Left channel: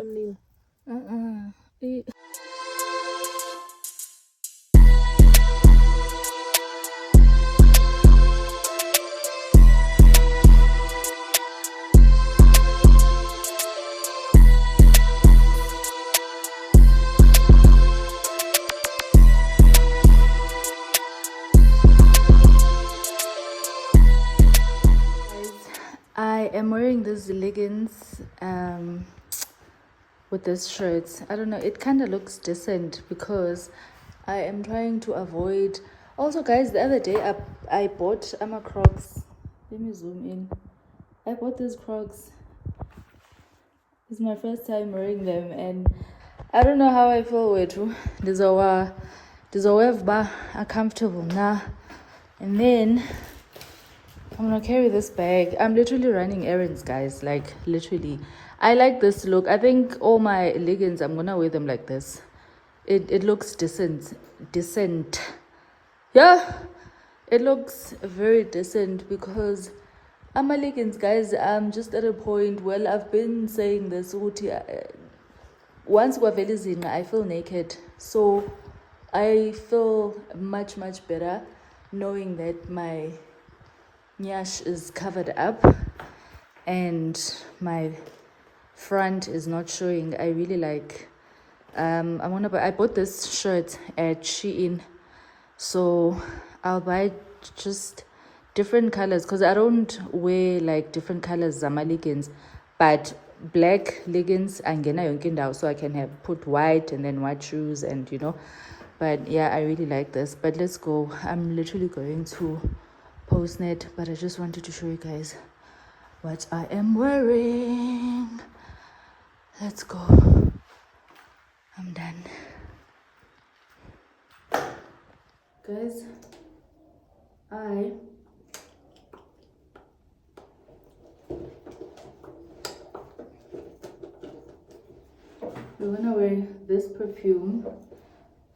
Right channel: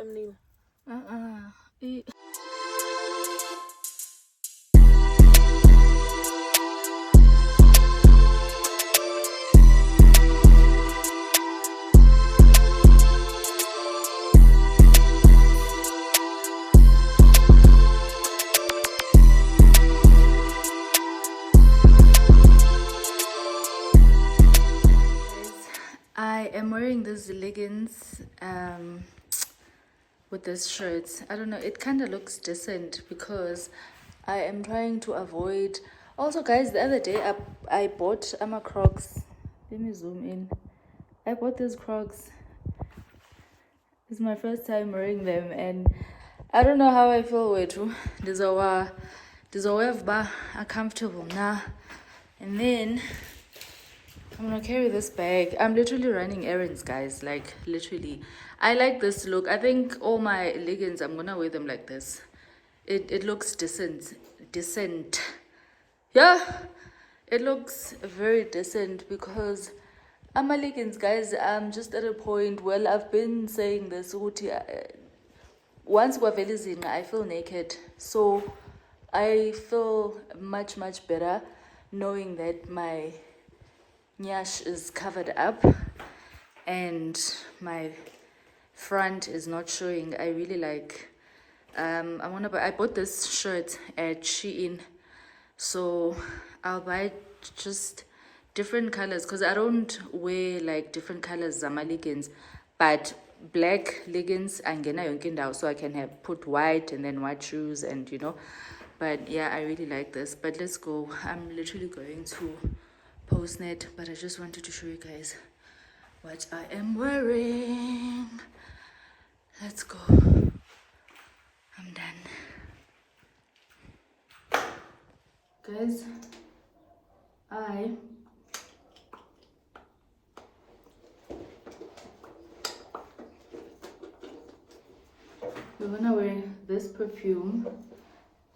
thumbnail. Eh, I am wearing these leggings with this shirt. I don't know, it kind of looks decent because I am trying to avoid. Also, guys, the other day I bought Crocs. Let me zoom in. I bought these Crocs. This is my first time wearing them, and I don't know how I feel with you. These are comfortable now. And then I'm gonna carry this bag. I'm literally running errands, guys. Like, literally. I like this look. I think all my leggings, I'm gonna wear them like this. It looks decent. Yeah, it looks very decent because I'm my leggings, guys. I'm just at a point. Well, I've been saying this. Once I feel naked. So I feel much better knowing that my nyash is covered up and my front is not showing. I really like I bought this shirt at Shein, so I'll buy just different colors because I don't wear like different colors zama leggings, but black leggings angena yonke indawo, so I can have put white and then white shoes, and but yeah, I really like this. But let's go. I'm literally going to Postnet, but I just wanted to show you guys what I am wearing. Let's go. I'm done. Guys, we're gonna wear this perfume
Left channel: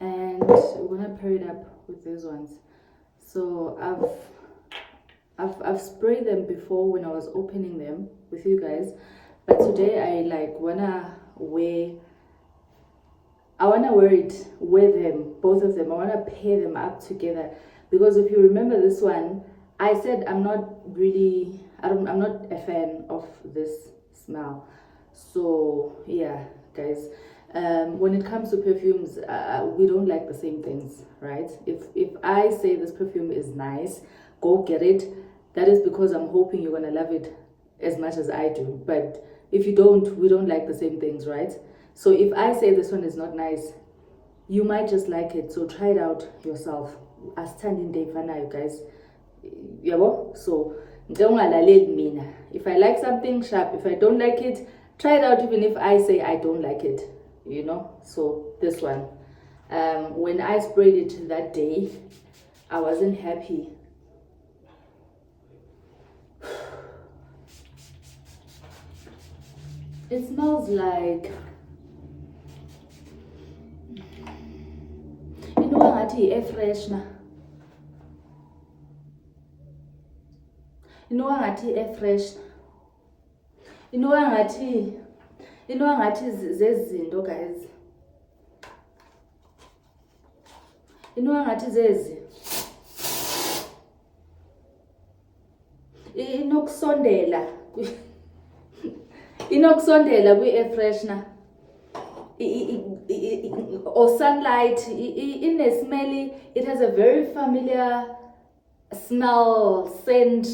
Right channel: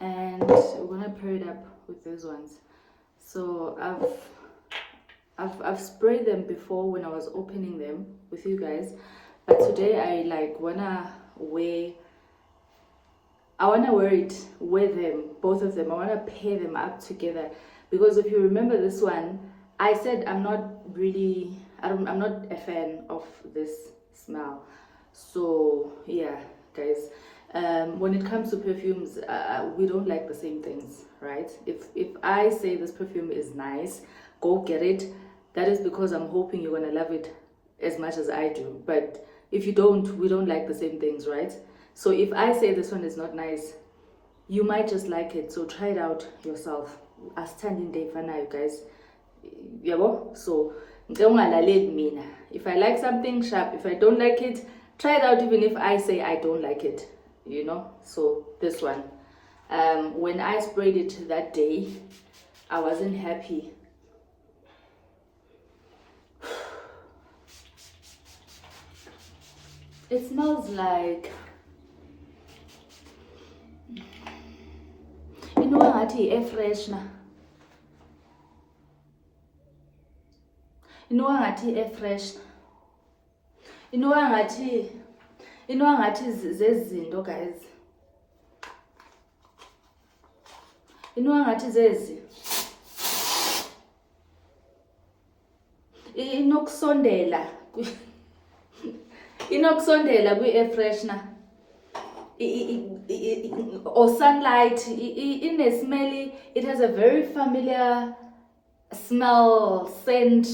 and we're gonna pair it up with these ones. So I've sprayed them before when I was opening them with you guys, but today I wanna wear them, both of them. I wanna pair them up together because if you remember this one, I said I'm not a fan of this smell. So yeah, guys, when it comes to perfumes, we don't like the same things, right? If I say this perfume is nice, go get it. That is because I'm hoping you're gonna love it as much as I do. But if you don't, we don't like the same things, right? So if I say this one is not nice, you might just like it. So try it out yourself. A standing day for now, guys. Yabo? So if I like something, sharp. If I don't like it, try it out even if I say I don't like it. So this one, when I sprayed it that day, I wasn't happy. It smells like air freshener. Air freshener. Zezinto, guys. Zezi. Inokusondela kwi-air freshener. Or sunlight. Smelly. It has a very familiar smell, scent.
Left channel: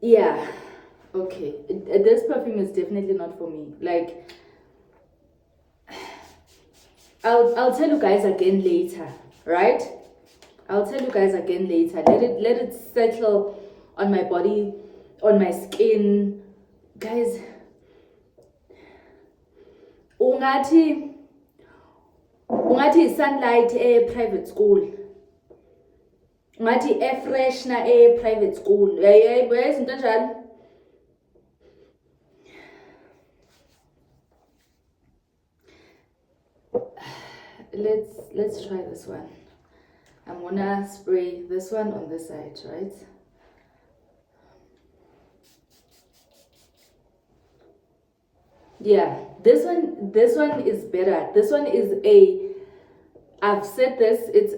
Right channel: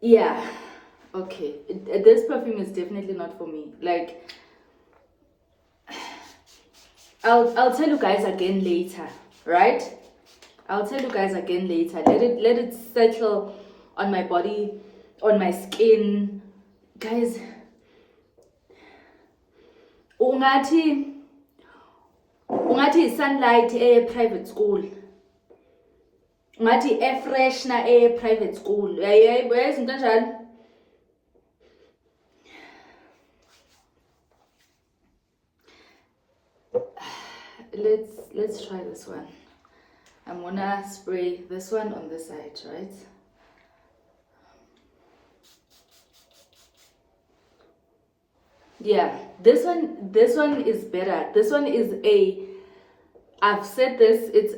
Yeah. Okay. This perfume is definitely not for me. Like, I'll tell you guys again later, right? I'll tell you guys again later. Let it settle on my body, on my skin, guys. Ungathi sunlight private school. Ungathi air freshener private school. Where's intention? Let's try this one. I'm gonna spray this one on this side, right? Yeah, this one is better. This one is a, I've said this, it's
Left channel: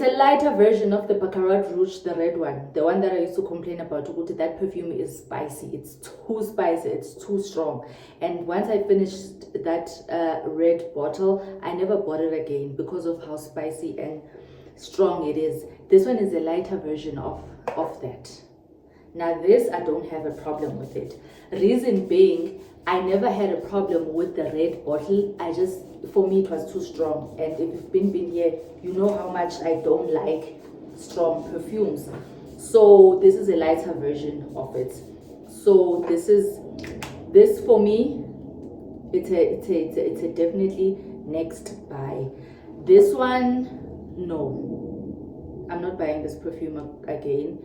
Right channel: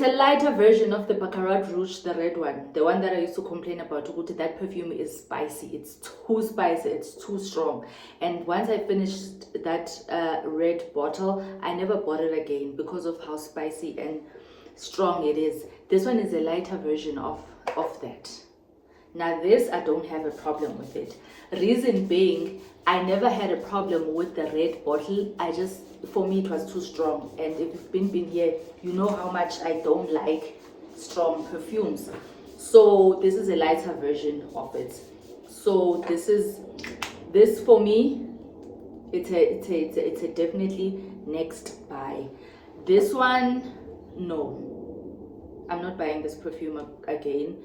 a lighter version of the Baccarat Rouge, the red one, the one that I used to complain about. That perfume is spicy. It's too spicy. It's too strong. And once I finished that red bottle, I never bought it again because of how spicy and strong it is. This one is a lighter version of that. Now this, I don't have a problem with it. Reason being, I never had a problem with the red bottle. For me, it was too strong. And if you've been here, you know how much I don't like strong perfumes. So this is a lighter version of it. So this for me, it's a definitely next buy. This one, no, I'm not buying this perfume again.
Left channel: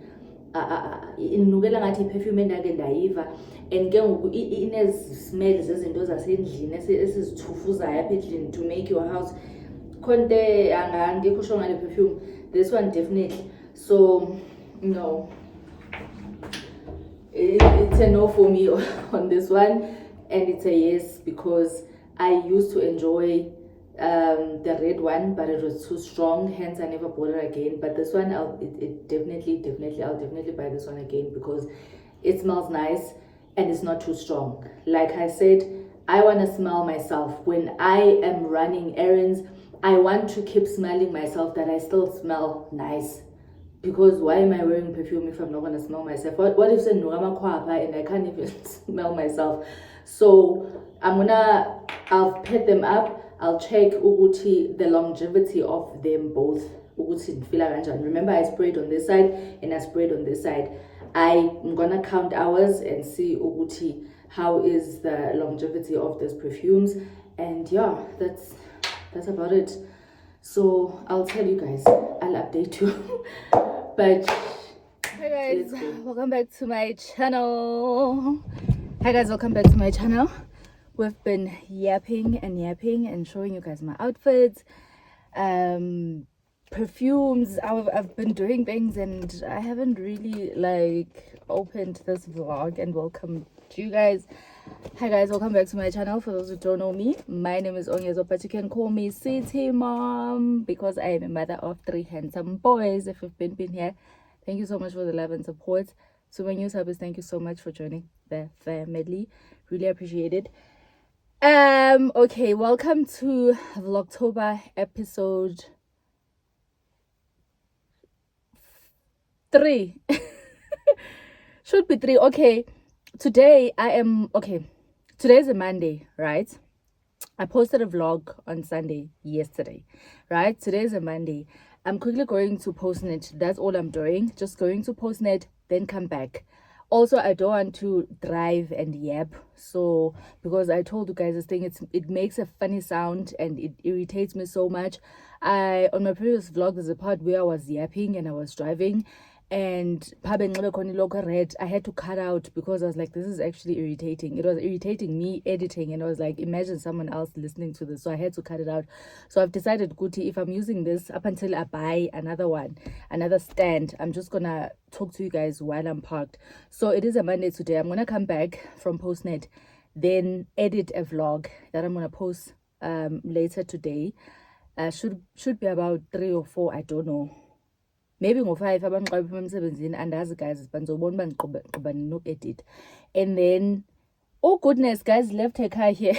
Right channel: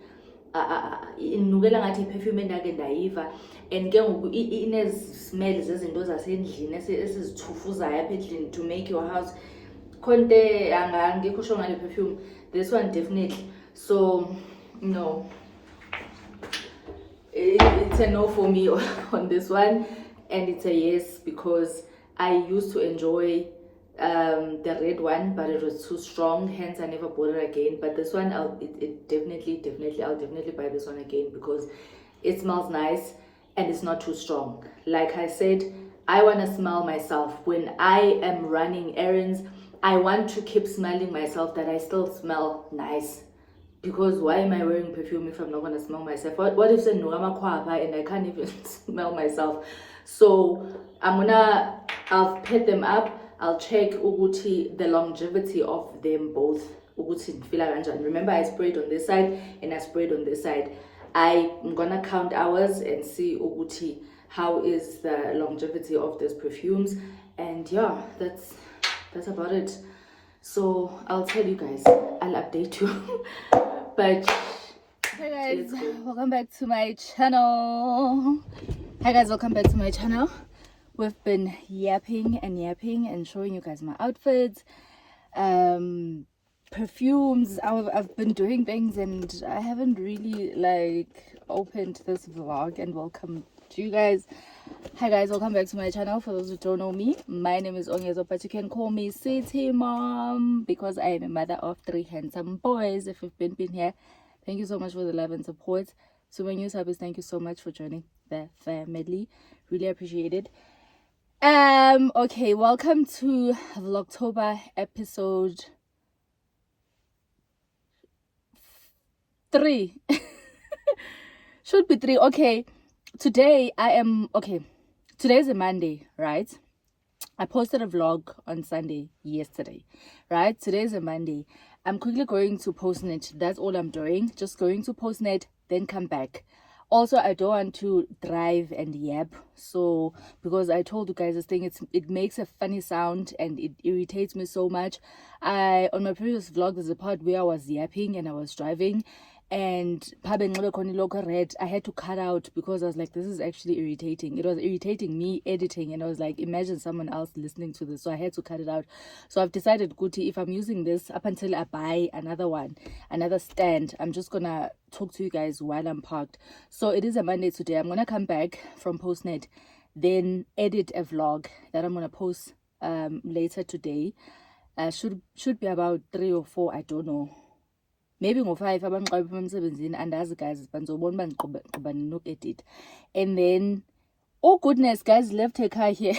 Inukela ngathi perfume endake ndayiva, and ke ngoku ine-smell zezinto zasendlini esizithufuzayo apha endlini to make your house konte angekho sure ngale perfume. This one definitely. So no, it's a no for me on this one, and it's a yes because I used to enjoy the red one, but it was too strong, hence I never bought it again. But this one, I'll definitely buy this one again because it smells nice and it's not too strong. Like I said, I want to smell myself when I am running errands. I want to keep smelling myself, that I still smell nice. Because why am I wearing perfume if I'm not going to smell myself? What if and I can't even smell myself? So I'll pet them up. I'll check the longevity of them both. Remember, I sprayed on this side and I sprayed on this side. I'm gonna count hours and see how is the longevity of these perfumes. And yeah, that's about it. So I'll tell you guys, I'll update you. But hey guys, welcome back to my channel. We've been yapping and showing you guys my outfits, perfumes. I've been doing things and I haven't really opened this vlog and welcome to you guys. Hi guys, welcome back to my channel. For those who don't know me, my name is Onyezo, but you can call me City Mom because I am a mother of 3 handsome boys. If you've been here, thank you so much for the love and support. So my new subs, thank you so much for joining the family. Really appreciate it. Okay, welcome to Vlogtober episode 3. Should be 3. Okay, today's a Monday, right? I posted a vlog on Sunday yesterday, right? Today's a Monday. I'm quickly going to Postnet. That's all I'm doing. Just going to Postnet, then come back. Also, I don't want to drive and yap, so because I told you guys this thing, it makes a funny sound and it irritates me so much. On my previous vlog, there's a part where I was yapping and I was driving, and I had to cut out because I was like, this is actually irritating. It was irritating me editing, and I was like, imagine someone else listening to this, so I had to cut it out. So I've decided, Guti, if I'm using this up until I buy another stand, I'm just gonna talk to you guys while I'm parked. So it is a Monday today. I'm gonna come back from Postnet, then edit a vlog that I'm gonna post later today. Should be about 3 or 4, I don't know. Maybe ngo-5 abangiqabe emsebenzini, andazi guys, banizobona uba ninoku-edit. And then, oh goodness, guys left her car here.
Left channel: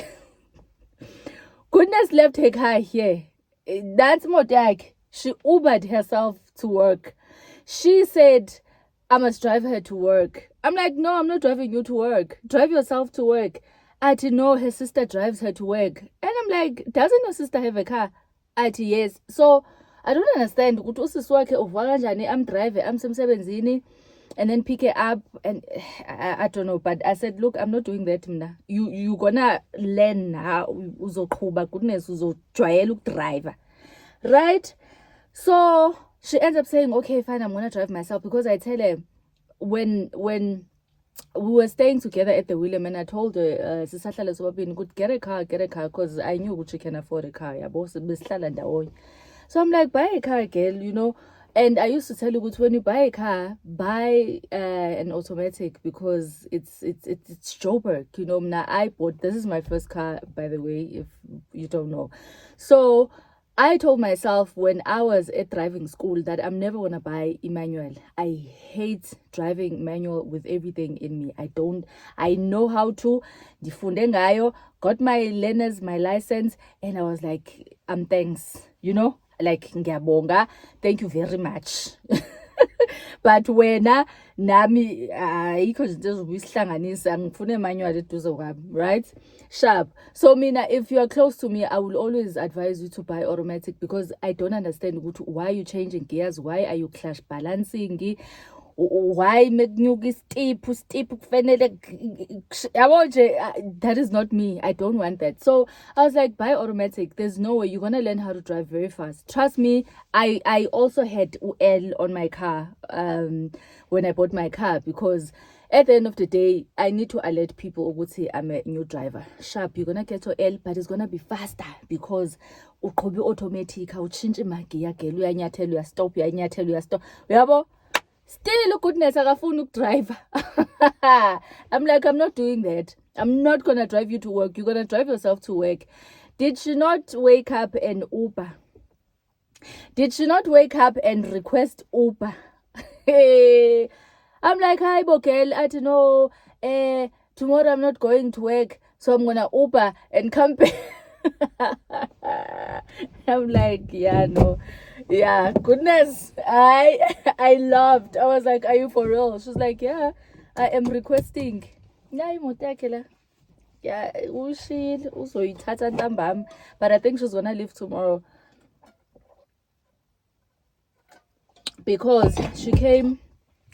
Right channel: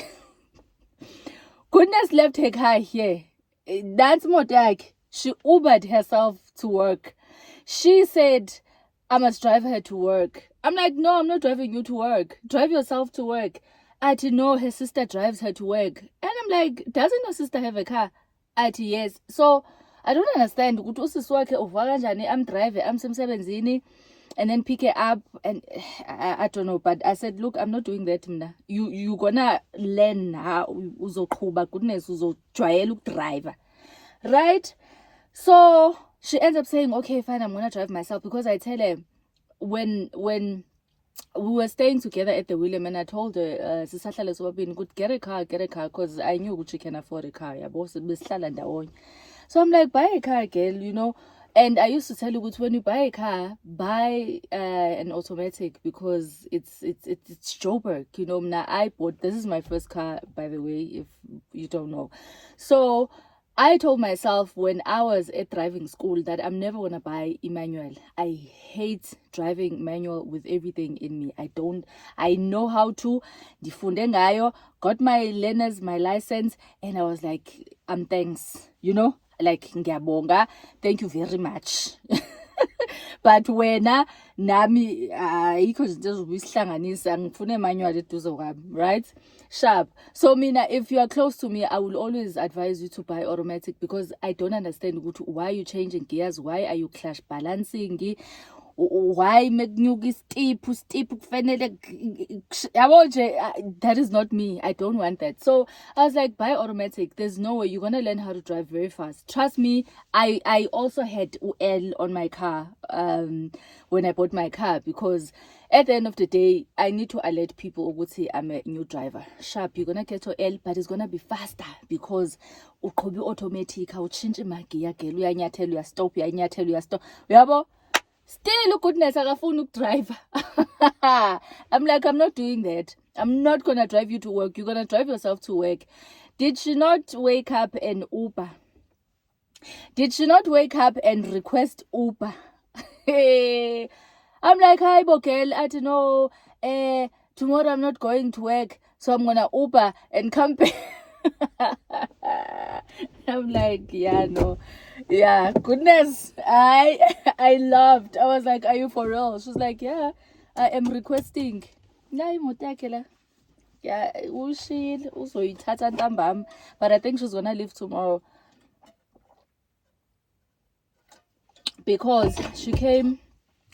Goodness left her car here. That's Modak. She Ubered herself to work. She said, I must drive her to work. I'm like, no, I'm not driving you to work. Drive yourself to work. I had to know her sister drives her to work. And I'm like, doesn't your sister have a car? I had to, yes. So I don't understand. I'm driving, I'm semsebenzini, and then pick her up, and I don't know. But I said, look, I'm not doing that. You gonna learn how uzoqhuba, goodness, uzojwayela ukudrive, right? So she ends up saying, okay, fine, I'm gonna drive myself, because I tell her when we were staying together at the William, and I told her, get a car, because I knew she can afford a car. So I'm like, buy a car, girl, And I used to tell you, when you buy a car, buy an automatic, because it's Joburg. You know, now I bought, this is my first car, by the way, if you don't know. So I told myself when I was at driving school that I'm never gonna buy a manual. I hate driving manual with everything in me. I know how to. Ndifunde ngayo, got my learners, my license, and I was like, thanks, you know, like ngiyabonga, thank you very much. But wena nami ayikho izinto ezobuyisihlanganisa, ngifune manual eduze kwami, right? Sharp. So mina, if you are close to me, I will always advise you to buy automatic, because I don't understand why are you changing gears, why are you clash balancing, why make new steep kufanele yabo nje. That is not me. I don't want that. So I was like, buy automatic. There's no way you're gonna learn how to drive very fast. Trust me. I also had L on my car when I bought my car, because at the end of the day, I need to alert people who say I'm a new driver. Sharp, you're gonna get to L, but it's gonna be faster, because uqobe automatic, awutshintshe magiya girl, uyanyathela uyastop, uyanyathela uyastop. Uyabo? Still, goodness, akafuni ukudrive. I'm like, I'm not doing that. I'm not gonna drive you to work. You're gonna drive yourself to work. Did she not wake up and Uber? Did she not wake up and request Uber? I'm like, hi, girl. I don't know. Tomorrow I'm not going to work, so I'm gonna Uber and come back. I'm like, yeah, no. Yeah, goodness. I laughed. I was like, are you for real? She was like, yeah, I am requesting. Yeah, but I think she's gonna leave tomorrow, because she came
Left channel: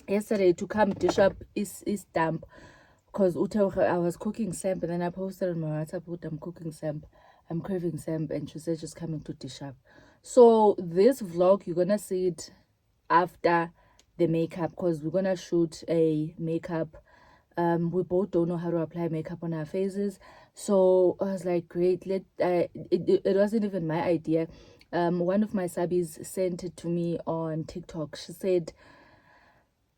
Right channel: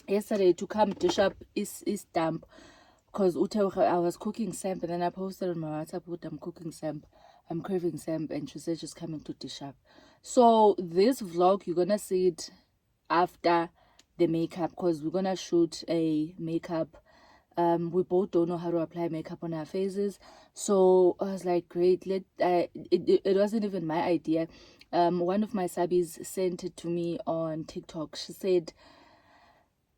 yesterday to come dish up is stamp, because I was cooking samp, and then I posted on my WhatsApp, I'm cooking samp, I'm craving samp, and she said she's coming to dish up. So this vlog, you're gonna see it after the makeup, because we're gonna shoot a makeup. We both don't know how to apply makeup on our faces, so I was like, great, it wasn't even my idea. One of my subbies sent it to me on TikTok. She said,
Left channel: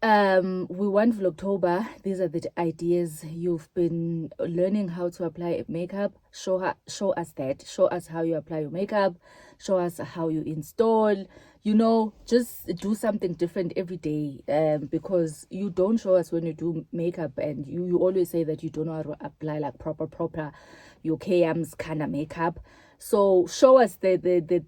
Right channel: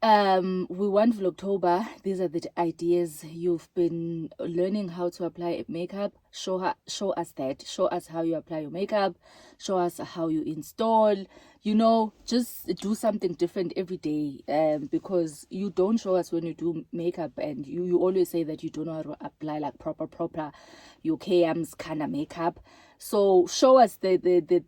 we want Vlogtober. These are the ideas. You've been learning how to apply makeup. Show us that. Show us how you apply your makeup. Show us how you install. You know, just do something different every day. Because you don't show us when you do makeup, and you always say that you don't know how to apply like proper your KM's kind of makeup. So show us the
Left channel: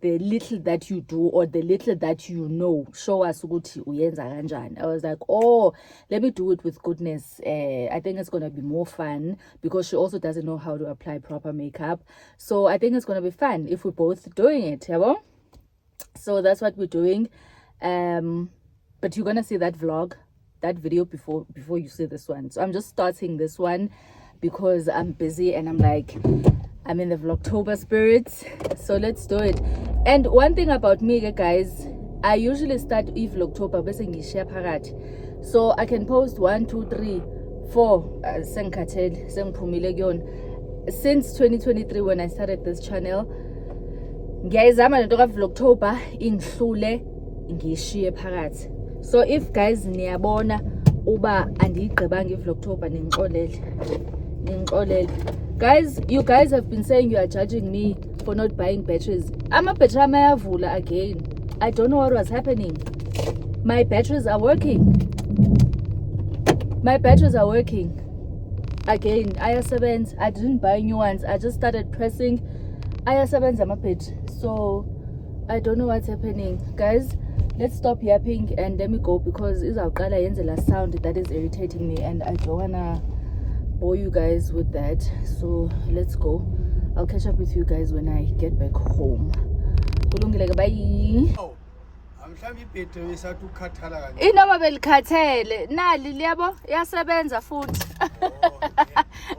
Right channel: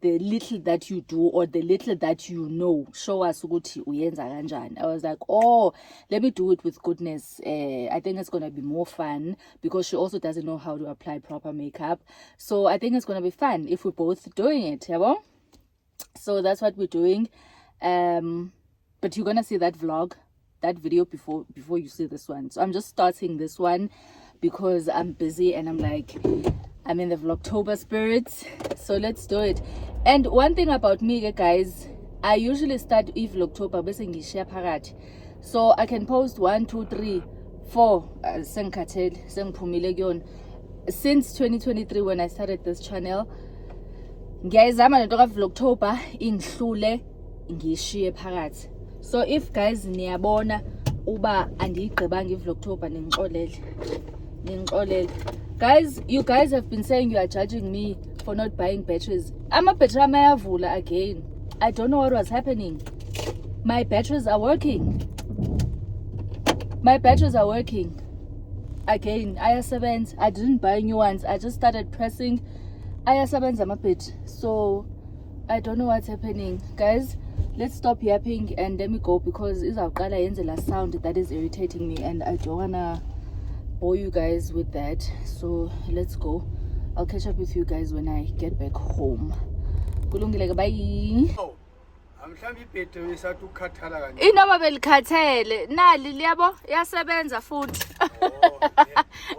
little that you do, or the little that you know. Show us ukuthi uyenza kanjani. I was like, oh, let me do it with goodness. I think it's gonna be more fun, because she also doesn't know how to apply proper makeup. So I think it's gonna be fun if we're both doing it, yabo? So that's what we're doing. But you're gonna see that vlog, that video before you see this one. So I'm just starting this one because I'm busy, and I'm like, I'm in the Vlogtober spirits, so let's do it. And one thing about me, guys, I usually start Vlogtober bese ngishare phakathi, so I can post 1 2 3 4 sengikhathele sengiphumile kuyona. Since 2023, when I started this channel, ngiyayizama lento ka Vlogtober ingihlule ngishiye phakathi. So if guys niyabona uba andiyigqibanga iVlogtober, ningixolele. Guys, you guys have been saying you are judging me for not buying batteries. Ama-battery ayavula again. I don't know what was happening. My batteries are working. Again, ayasebenza. I didn't buy new ones. I just started pressing. Ayasebenza ama-battery. So I don't know what's happening. Guys, let's stop yapping and let me go, because izawuqala yenze la sound that is irritating me, and I don't wanna bore you guys with that. So let's go. I'll catch up with you guys when I get back home. Kulungile, bye. Inoma belikhathele nali liyabo yasebenza futhi.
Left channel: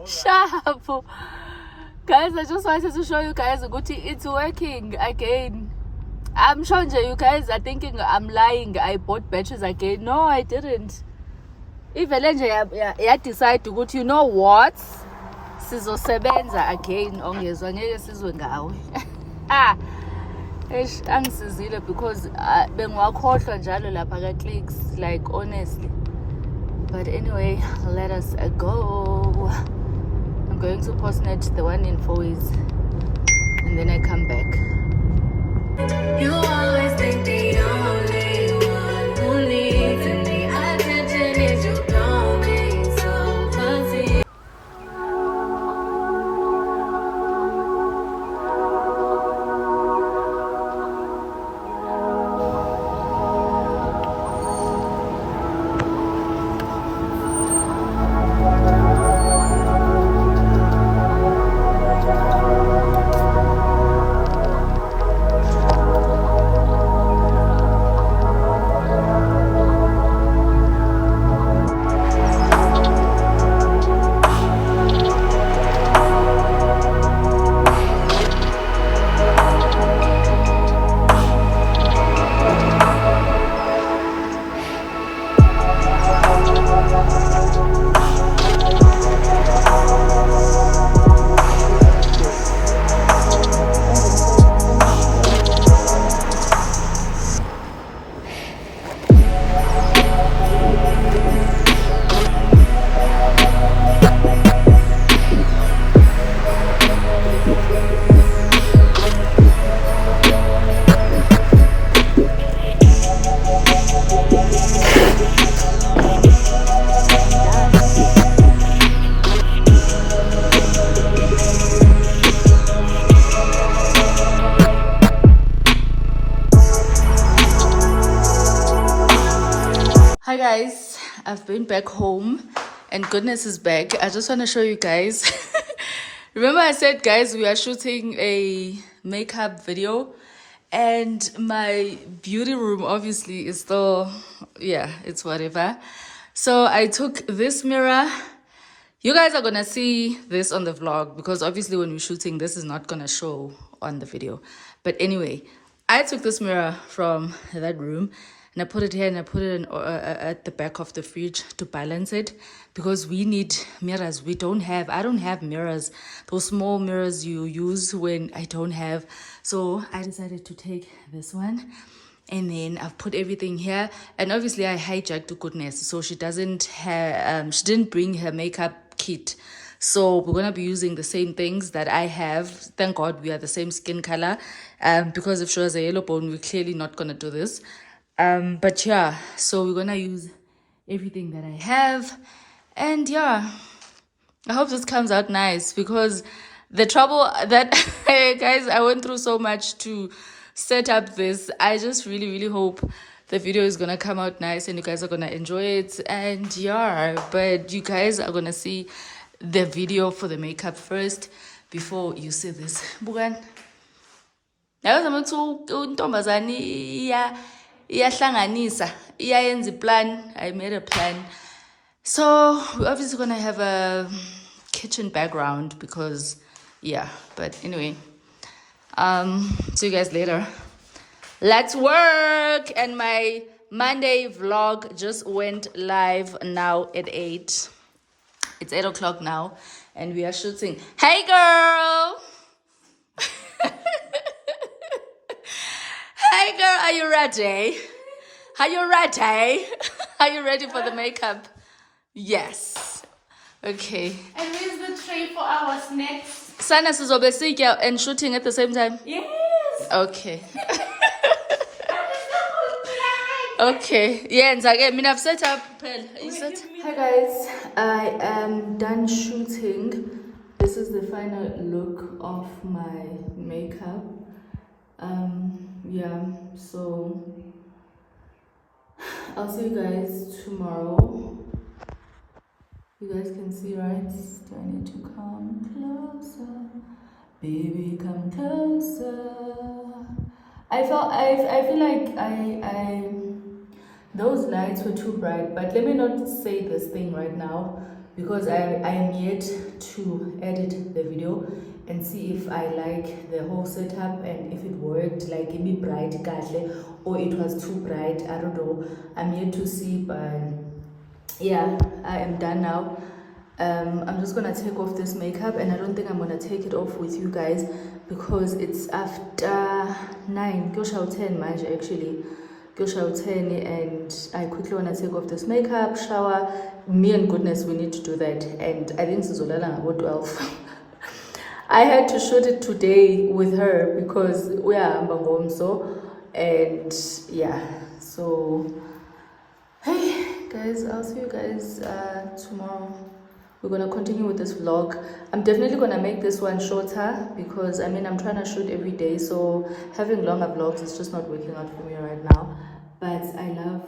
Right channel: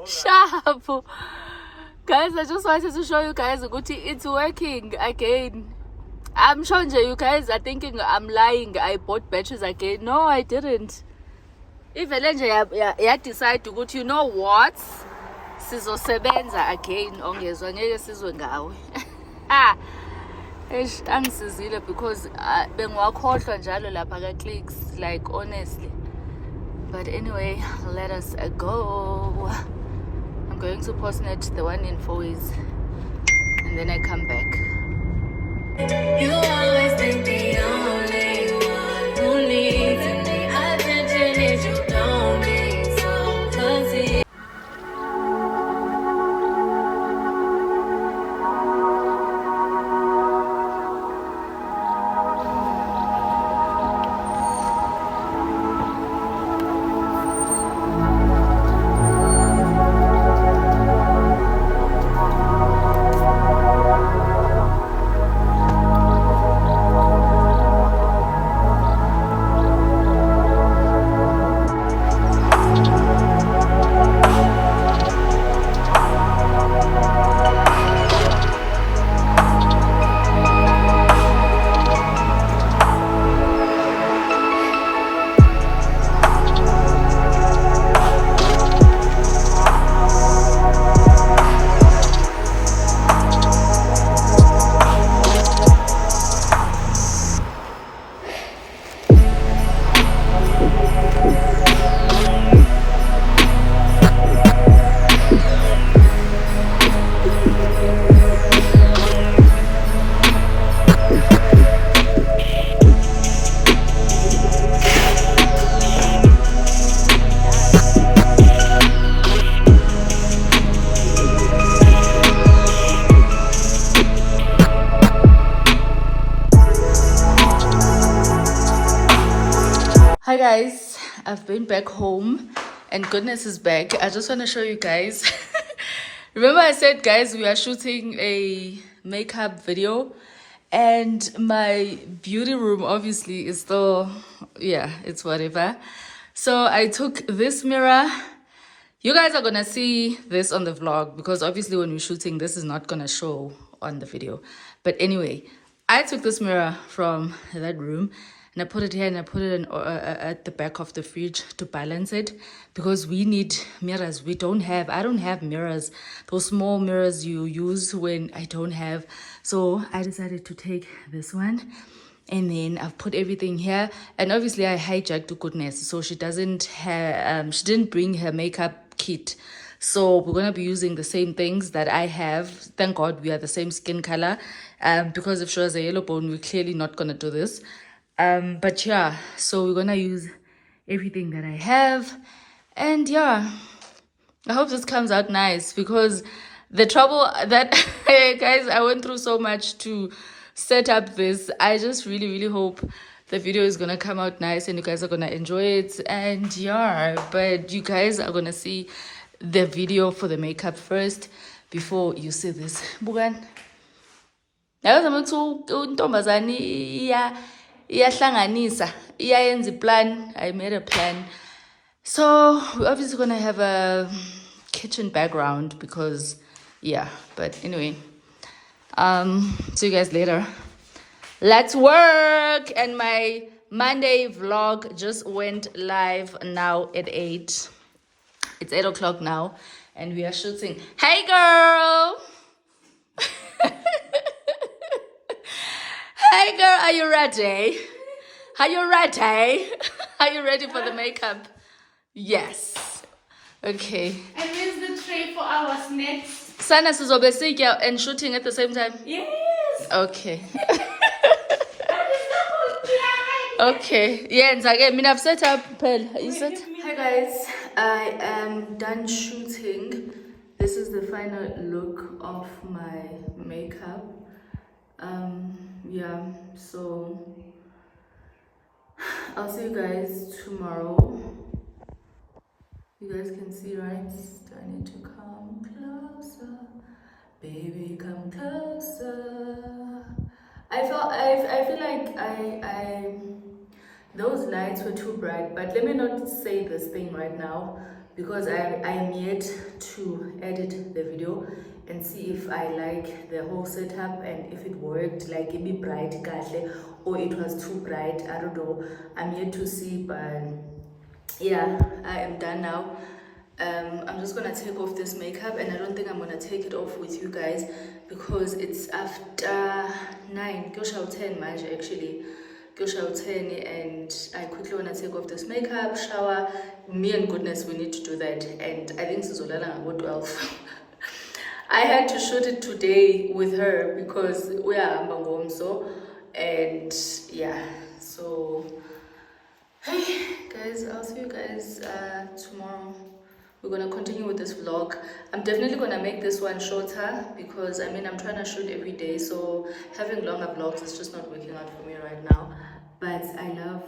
Sharp. Guys, I just wanted to show you guys ukuthi it's working again. I'm sure you guys are thinking I'm lying. I bought batteries again. No, I didn't. Ivele nje ya decide ukuthi, you know what, sizosebenza again, ongezwa ngeke sizwe ngawe. Eish, angisizile because bengiwakhohlwa njalo lapha ka-clicks, like honestly. But anyway, let us go. I'm going to Postnet, the one in Fourways, and then I come back. You always think the only one who needs any attention is you. Don't be so fussy. Hi guys, I've been back home and goodness is back. I just want to show you guys. Remember I said guys we are shooting a makeup video and my beauty room obviously is still, yeah, it's whatever. So I took this mirror. You guys are gonna see this on the vlog because obviously when we're shooting this is not gonna show on the video. But anyway, I took this mirror from that room and I put it here and I put it at the back of the fridge to balance it because we need mirrors. I don't have mirrors, those small mirrors you use when I don't have. So I decided to take this one and then I've put everything here. And obviously I hijacked Goodness, so she doesn't have, she didn't bring her makeup kit. So we're gonna be using the same things that I have. Thank God we are the same skin color. Because if she was a yellow bone, we're clearly not gonna do this. But yeah, so we're gonna use everything that I have. And yeah, I hope this comes out nice because the trouble that guys, I went through so much to set up this. I just really hope the video is gonna come out nice and you guys are gonna enjoy it. And yeah, but you guys are gonna see the video for the makeup first before you see this. Bukan iyahlanganisa iyayenza plan. I made a plan. So we're obviously gonna have a kitchen background because yeah, but anyway, see you guys later. Let's work. And my Monday vlog just went live now at 8. It's 8 o'clock now and we are shooting. Hey girl. Hey girl, are you ready? Are you ready? Are you ready for the makeup? Yes. Okay. And where's the tray for our snacks? Sana sizobe sitya and shooting at the same time? Yes. Okay. Okay. Yeah, and again, I mean, I've set up Pearl. You set? Hi guys, I am done shooting. This is the final look of my makeup. Yeah, so I'll see you guys tomorrow. You guys can see, right? Do I need to come closer? Baby, come closer. I feel like those lights were too bright, but let me not say this thing right now because I am yet to edit the video and see if I like the whole setup and if it worked, like it be bright or it was too bright. I don't know. I'm yet to see, but yeah, I am done now. I'm just gonna take off this makeup, and I don't think I'm gonna take it off with you guys because it's after 9. Go shall 10 March actually. Go shall 10, and I quickly wanna take off this makeup, shower. Me and goodness, we need to do that. And I think Sizolala about 12. I had to shoot it today with her because we are Ambangomso, and yeah, so hey guys, I'll see you guys tomorrow. We're gonna continue with this vlog. I'm definitely gonna make this one shorter because I mean I'm trying to shoot every day, so having longer vlogs is just not working out for me right now. But I love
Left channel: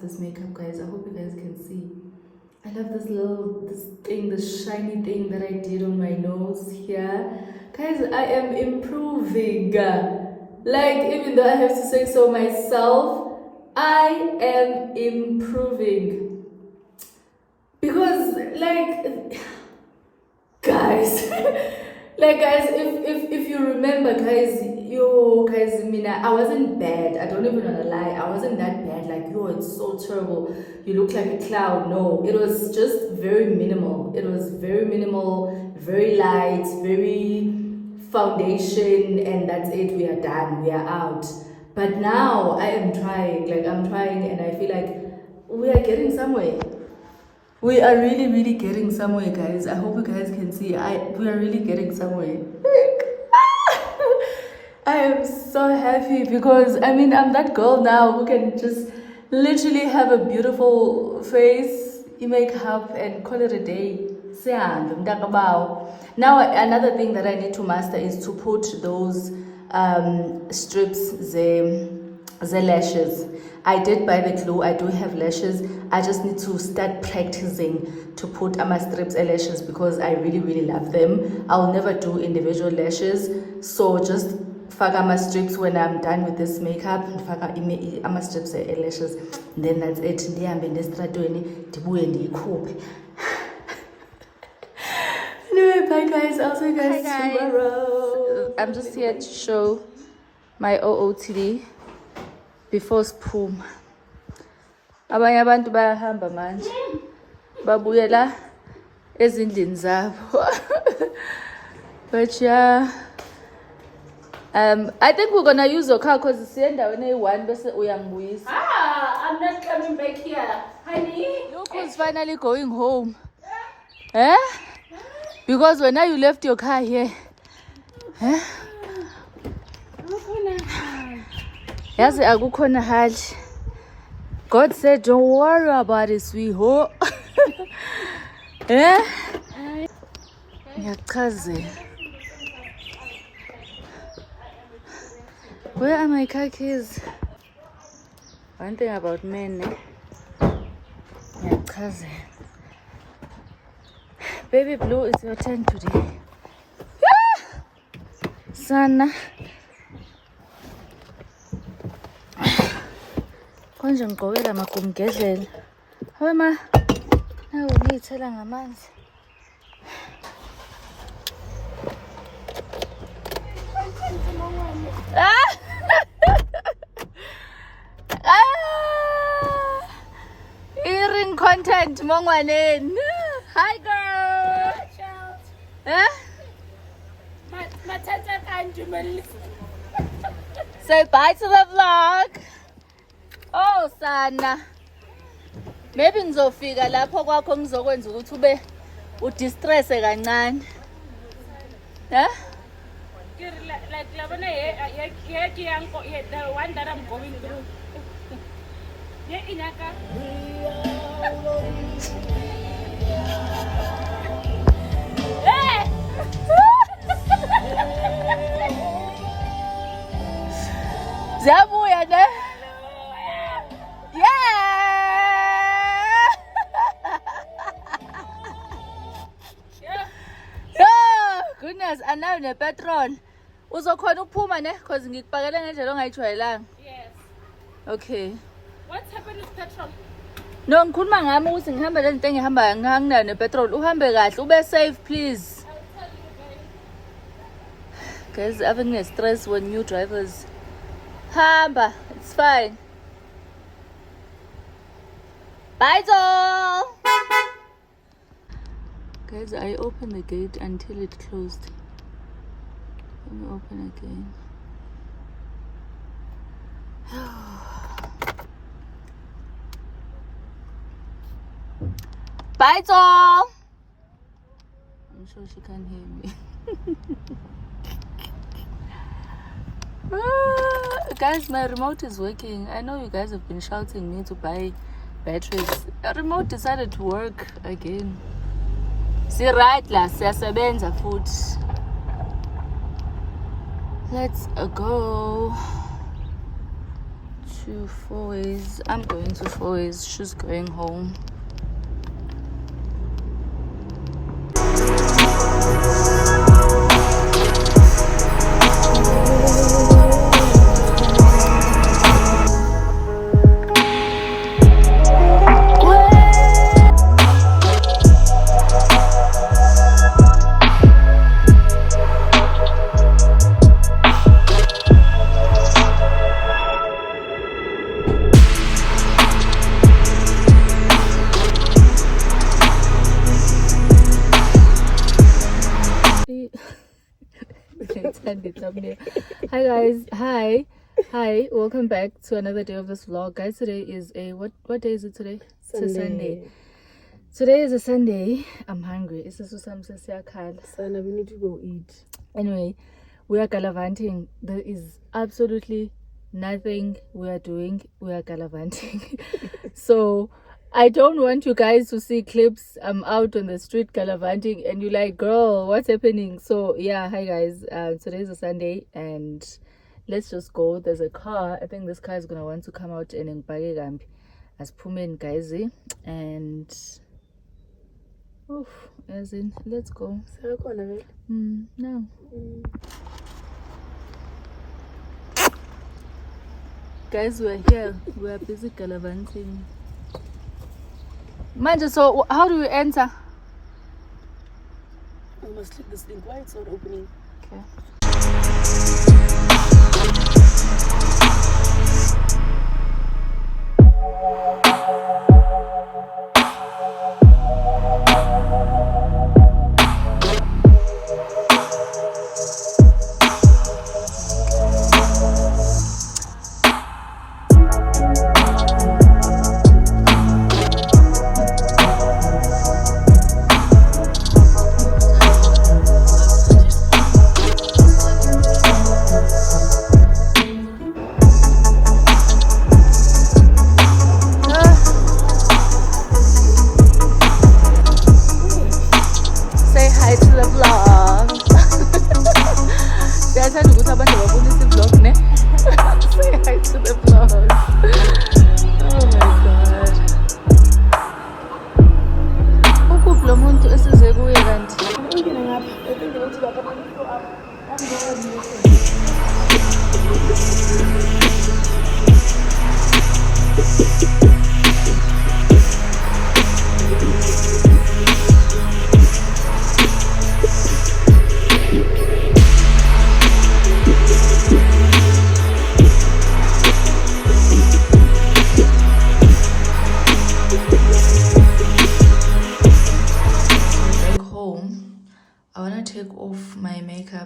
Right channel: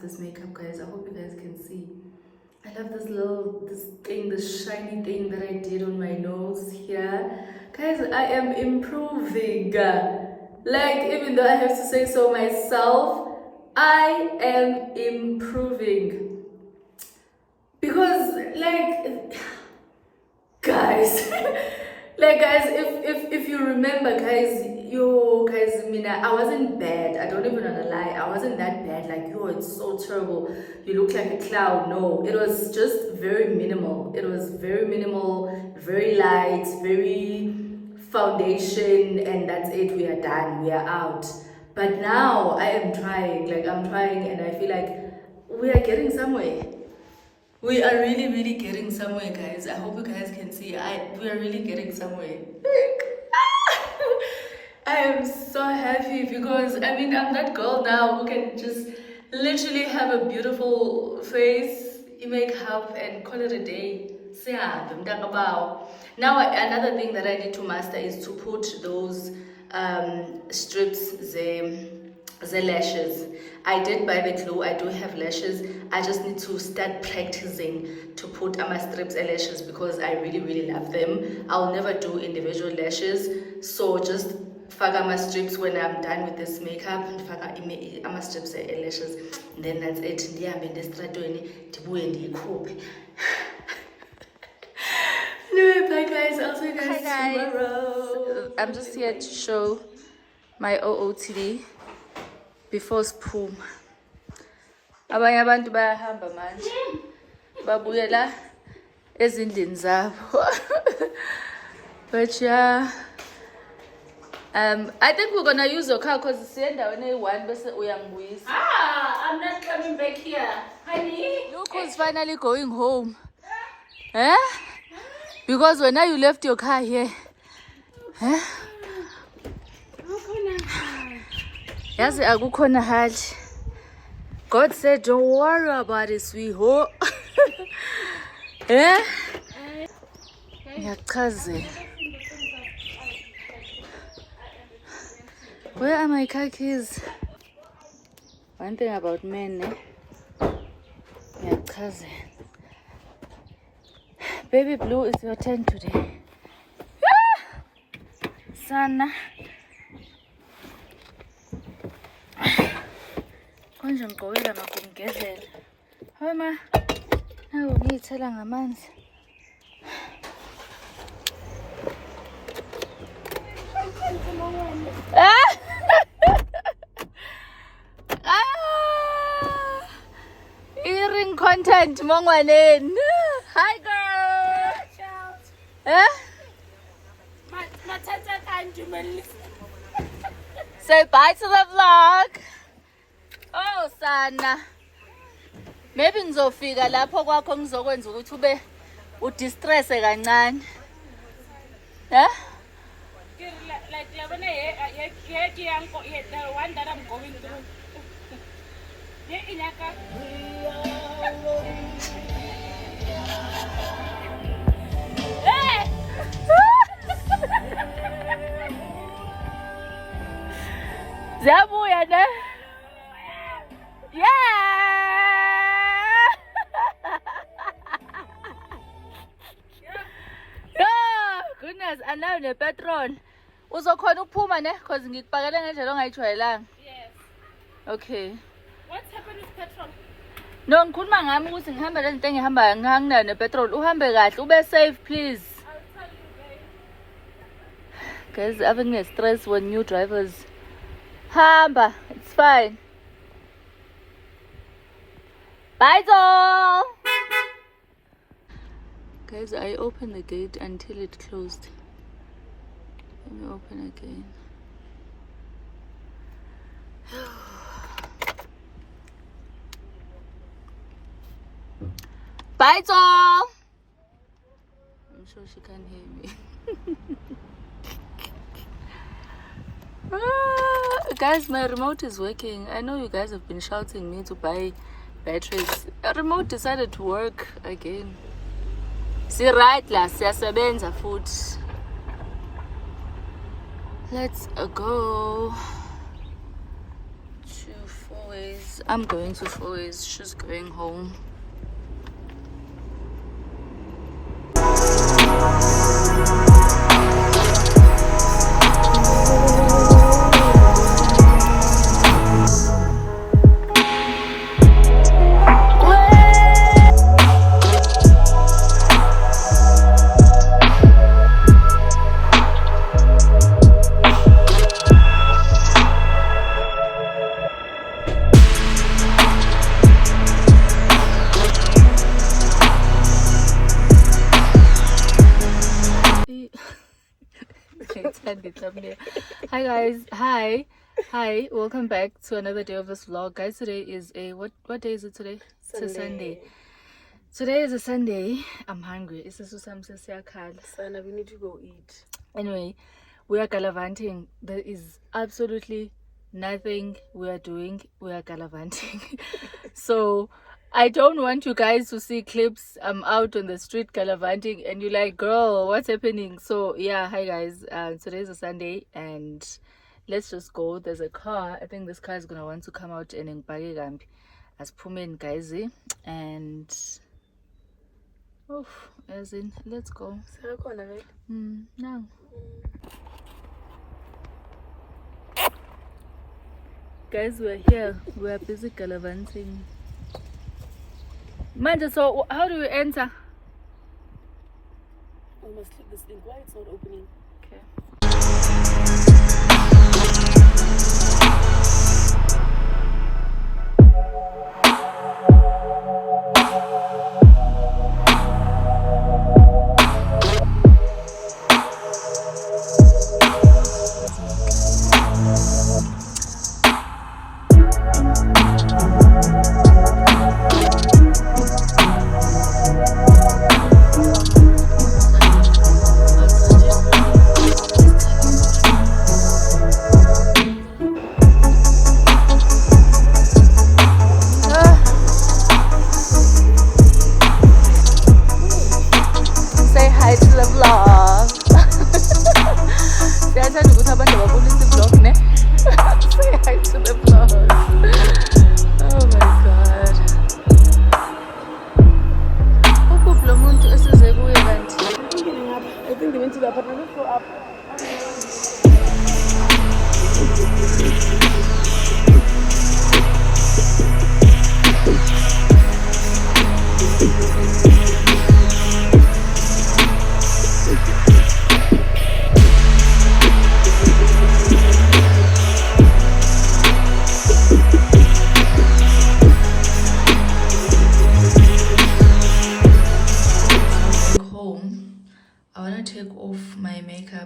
this makeup, guys. I hope you guys can see. I love this shiny thing that I did on my nose here. Guys, I am improving. Like, even though I have to say so myself, I am improving. Because, like, guys, if you remember, guys, I wasn't bad. I don't even wanna lie. I wasn't that bad. Like, it's so terrible. You look like a clown. No, it was just very minimal. It was very minimal, very light, very foundation, and that's it. We are done. We are out. But now I am trying. Like, I'm trying, and I feel like we are getting somewhere. We are really, really getting somewhere, guys. I hope you guys can see. We are really getting somewhere. I am so happy because I mean I'm that girl now who can just literally have a beautiful face, makeup, and call it a day. Now another thing that I need to master is to put those strips, the lashes. I did buy the glue. I do have lashes. I just need to start practicing to put my strips and lashes because I really, really love them. I'll never do individual lashes, so just faka my strips when I'm done with this makeup. Faka my strips and lashes. Then that's it. Ndihambe ndestratweni ndibuye ndiyikhuphe. Anyway, bye guys. I'll see you guys tomorrow. I'm just here to show my OOTD before Spoom. Abanye abantu bayahamba manje babuyela ezindlini zabo. But yeah, I think we're gonna use your car because it's endaweni eyi-1 bese uyangibuyisa. I'm not coming back here, honey. Look who's finally going home. Eh? Because when you left your car here. Eh? Yazi akukhona hali. God said, don't worry about it, sweetheart. Eh? Ngiyachazela. Where are my car keys? One thing about men, ngiyachazela. Baby Blue, it's your turn today. Sana. Konje ngigqokela magumgedlela. Hawe ma. Nawu ngiyithela ngamanzi. Earring content mongwaneni. Hi girl. Eh? Say bye to the vlog. Oh sana. Maybe ngizofika lapho kwakho ngizokwenza ukuthi ube udistress kancane. Eh? Like the one that I'm going through. Yeah, Inaka. Hey! Zabuya ne? Yeah! Yeah! Goodness, anayo nepetrol. Uzokhona ukuphuma ne? Because ngikupakele ngendlela ongayijwayelanga. Yes. Okay. What's happened with petrol? No, ngikhuluma ngami ukuthi ngihambe lento engihamba nganginayo nepetrol. Uhambe kahle, ube safe please. I'll tell you guys. Guys, having a stress when new drivers. Hamba, it's fine. Bye, doll. Guys, I opened the gate until it closed. Let me open again. Bye, Tom! I'm sure she can't hear me. Guys, my remote is working. I know you guys have been shouting me to buy batteries. The remote decided to work again. See, right, la siyasebenza futhi. Let's go to Fourways. I'm going to Fourways. She's going home. Hi guys, hi, welcome back to another day of this vlog. Guys, today is a what day is it today? Sunday. It's a Sunday. Today is a Sunday. I'm hungry. It's a Sana, we need to go eat. Anyway, we are gallivanting. There is absolutely nothing we are doing. We are gallivanting. So I don't want you guys to see clips. I'm out on the street gallivanting and you're like, girl, what's happening? So yeah, hi guys. Today is a Sunday and let's just go. There's a car. I think this car is gonna want to come out and ngibhake as Pumen guys. And as in, let's go. Now. Guys, we're here. We're busy gallivanting. Manja, so how do you enter? We must click this link. Why it's not opening? Okay.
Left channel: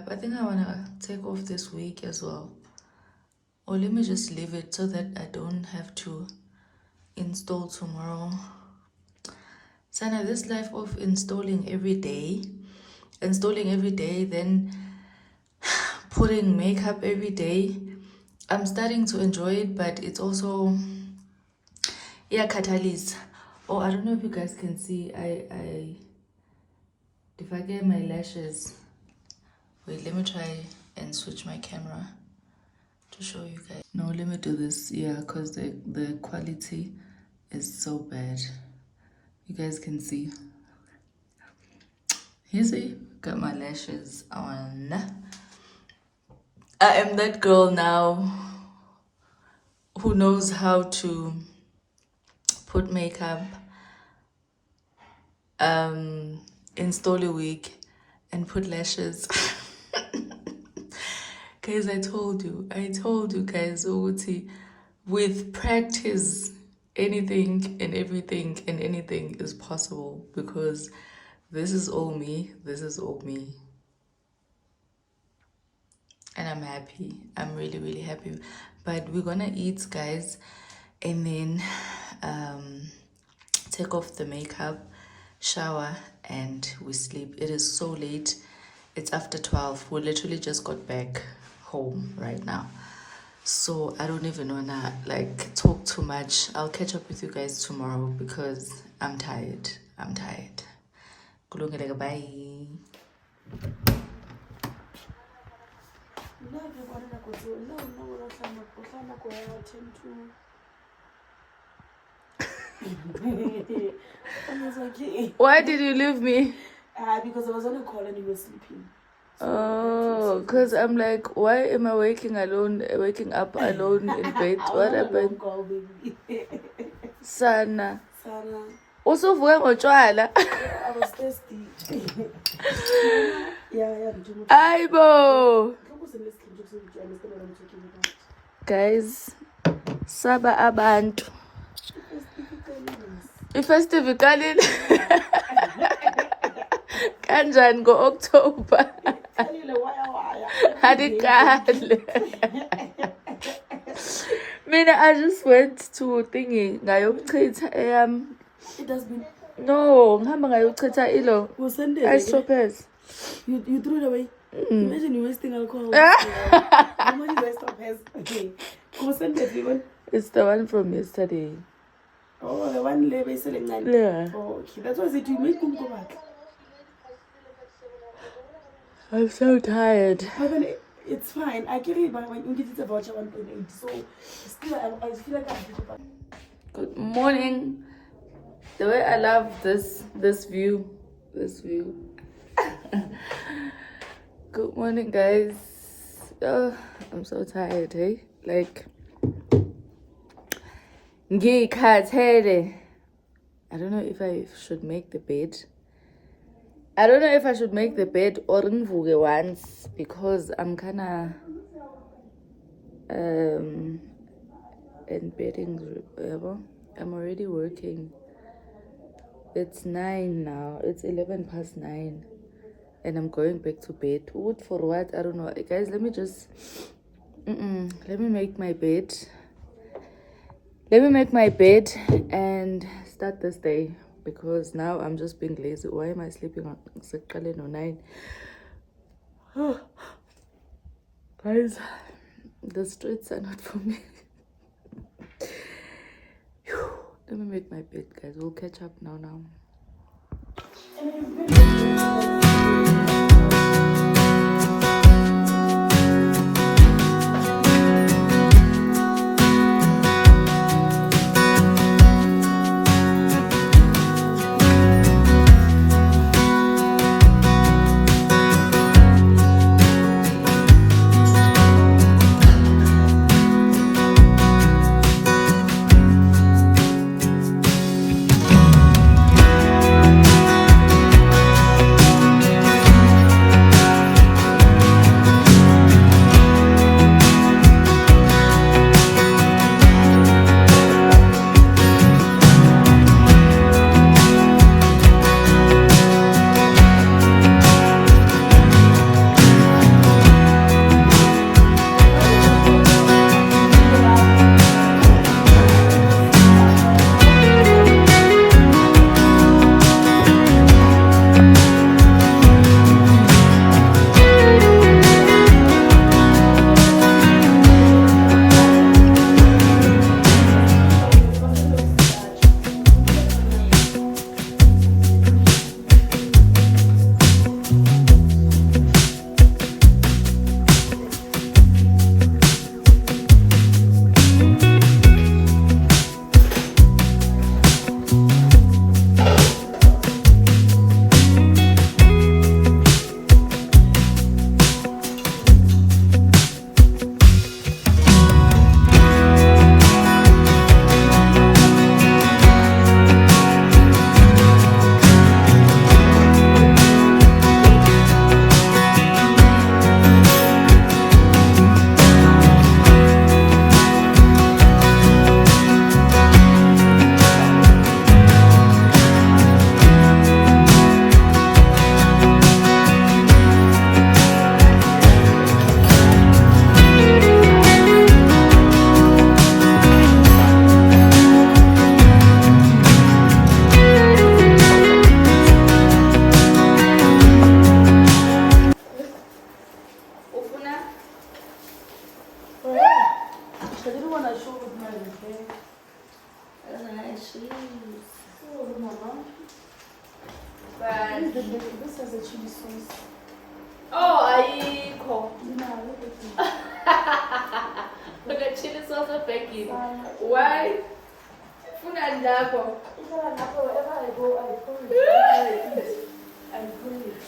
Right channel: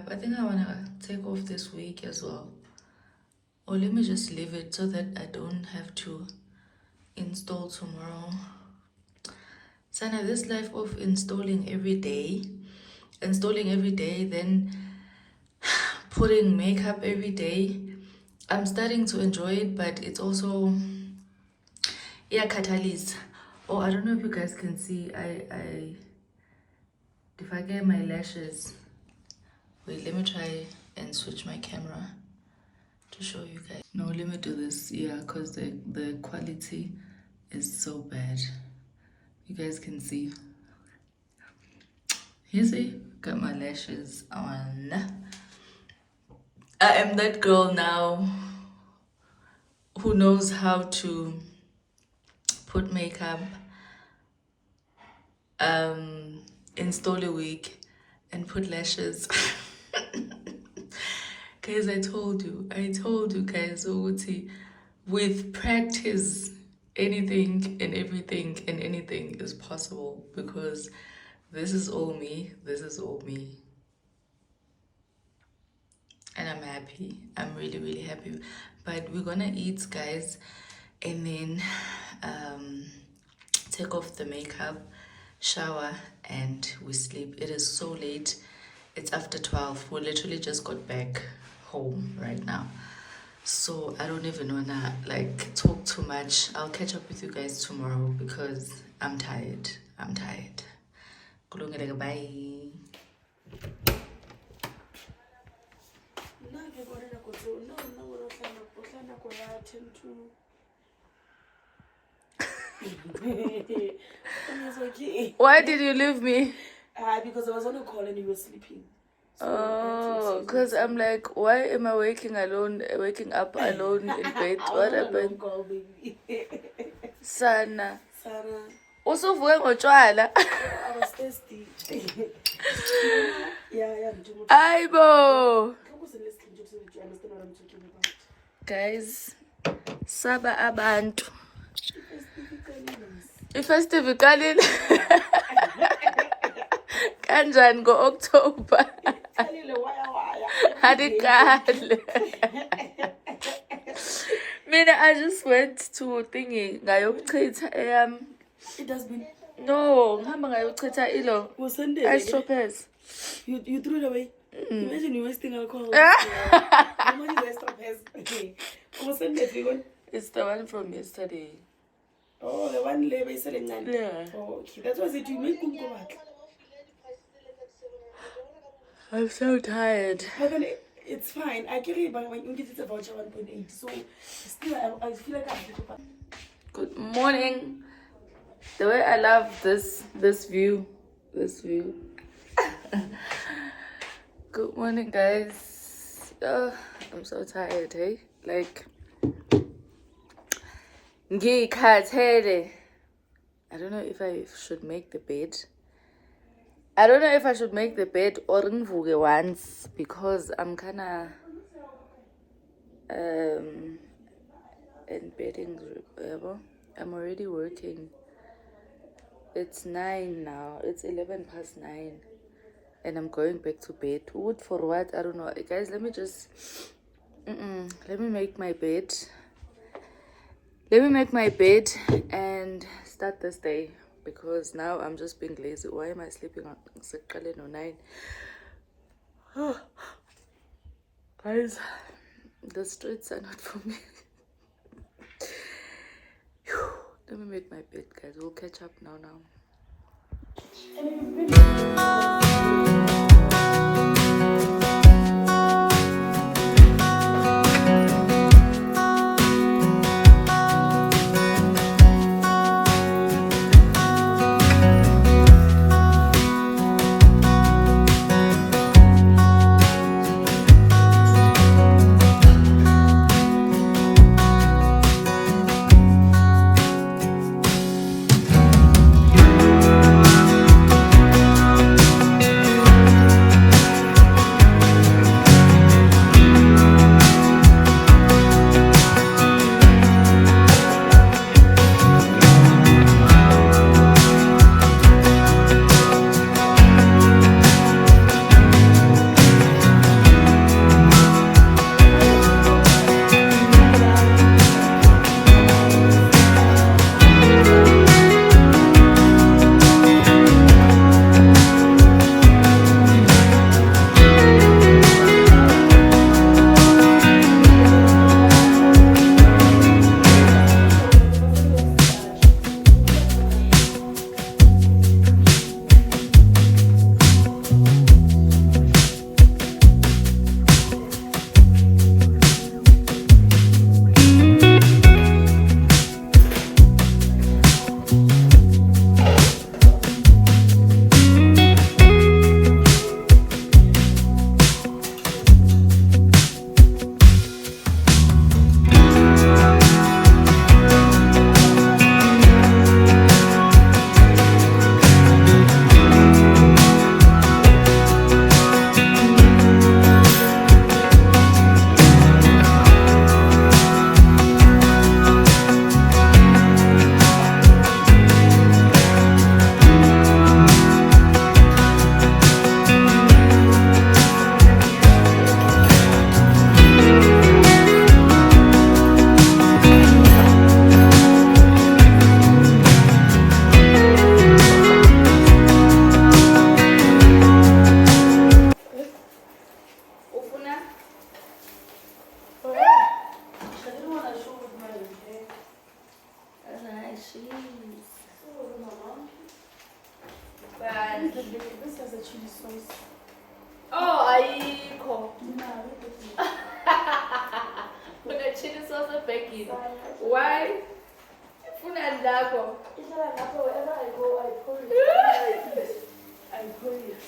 I think I want to take off this week as well, or let me just leave it so that I don't have to install tomorrow. Sana, this life of installing every day, then putting makeup every day, I'm starting to enjoy it, but it's also catalyst. Oh, I don't know if you guys can see, if I get my lashes. Wait, let me try and switch my camera to show you guys. No, let me do this, because the quality is so bad. You guys can see. You see? Got my lashes on. I am that girl now who knows how to put makeup, install a wig, and put lashes. Guys, I told you guys, with practice, anything and everything and anything is possible, because This is all me. This is all me. And I'm happy. I'm really, really happy. But we're gonna eat, guys, and then take off the makeup, shower, and we sleep. It is so late. It's after 12. We literally just got back home right now. So I don't even wanna like talk too much. I'll catch up with you guys tomorrow because I'm tired. I'm tired. Kulungile, bye. Why did you leave me? Because I was on a call and you were sleeping. Oh, because I'm like, why am I waking up alone in bed? What happened? Sana. Also, I was thirsty. Yeah. Aibo. Guys, Saba Abantu. I-festive ikalile. Kanjani ngo-October? Hadikale. Mina, I just went to thingy ngayokuchitha It has been. No, ngihamba ngayokuchitha ilo. Stropers. You threw it away. Imagine you wasting alcohol. How much is stropers? Okay. It's the one from yesterday. Oh, the one label selling. Yeah. Oh, okay. That's why I said you make them go back. I'm so tired. It's fine. I get it, but when you get a voucher 1.8, so still I feel like I have to go back. Good morning. The way I love this view. This view. Good morning, guys. Oh, I'm so tired, hey? Like, ngikhathele. I don't know if I should make the bed. I don't know if I should make the bed or ngivuke once because I'm kinda embedding. I'm already working. It's 9 now. It's 11 past 9. And I'm going back to bed. Wood for what? I don't know. Guys, let me just let me make my bed. Let me make my bed and start this day. Because now I'm just being lazy. Why am I sleeping on 9? Oh. Guys, the streets are not for me. Let me make my bed, guys. We'll catch up now. This has a chili sauce. Oh, ayikho. Yeah, But the chili sauce of baking. Why? Funani lakho. wherever I go, I pour it. I pour it.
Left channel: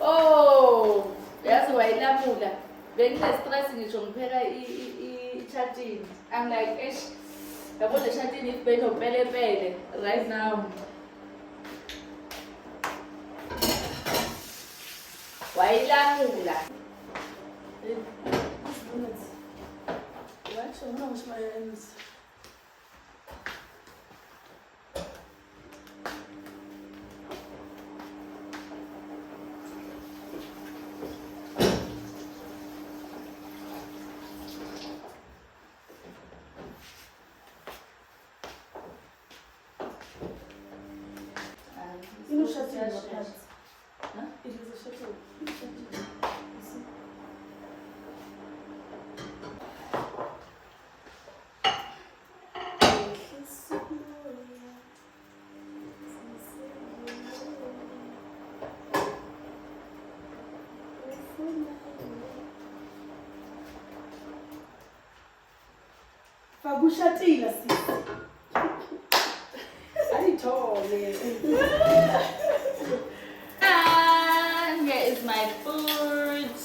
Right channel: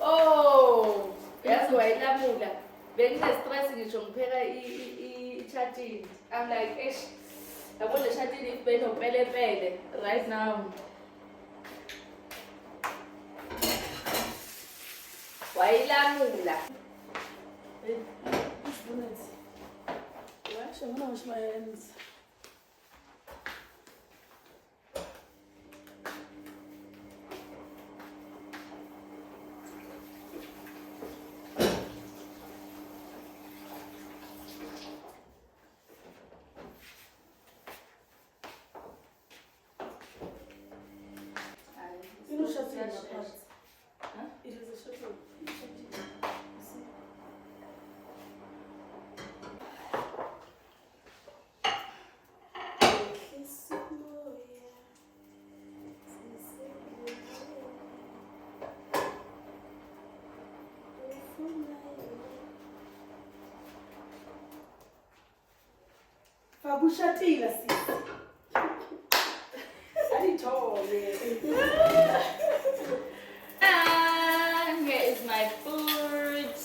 Oh, yazi wayilamula. Benginestress ngisho ngipheka i-chatini. I'm like, eish, yabo le chatini benopelepele right now. Wayilamula. What? I'm gonna wash my hands. You know, shuttle. Huh? It is a shuttle. Fagushatila sisi. Ayithole. And here is my food.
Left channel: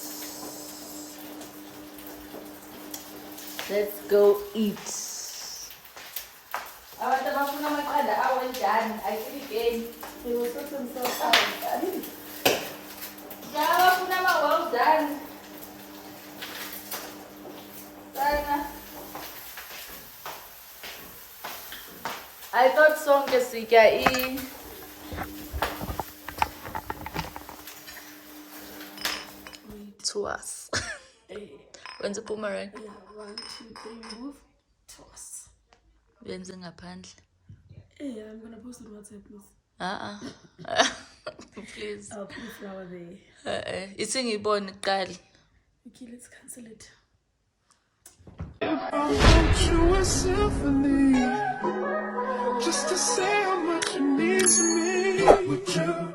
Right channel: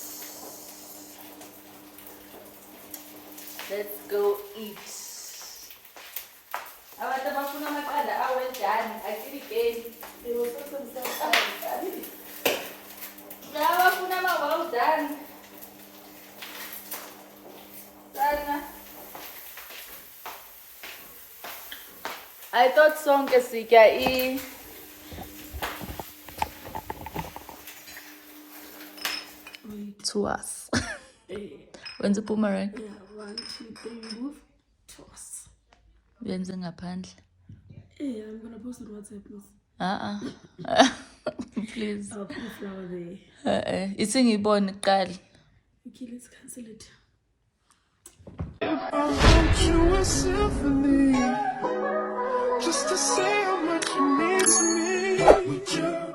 Let's go eat. Abantu abafuna amaqanda awenjani ayiklikeni. They were so themselves. Abafuna well done. Sana. I thought sonke sitya to us. When's the boomerang? Yeah, 1, 2, 3, move. Toss. Wenze ngaphandle. Yeah, I'm gonna post on WhatsApp, please. Please. I'll put a flower there. It's ngiyibone kuqala. Okay, let's cancel it. If I wrote you a symphony, just to say how much you mean to me, would you?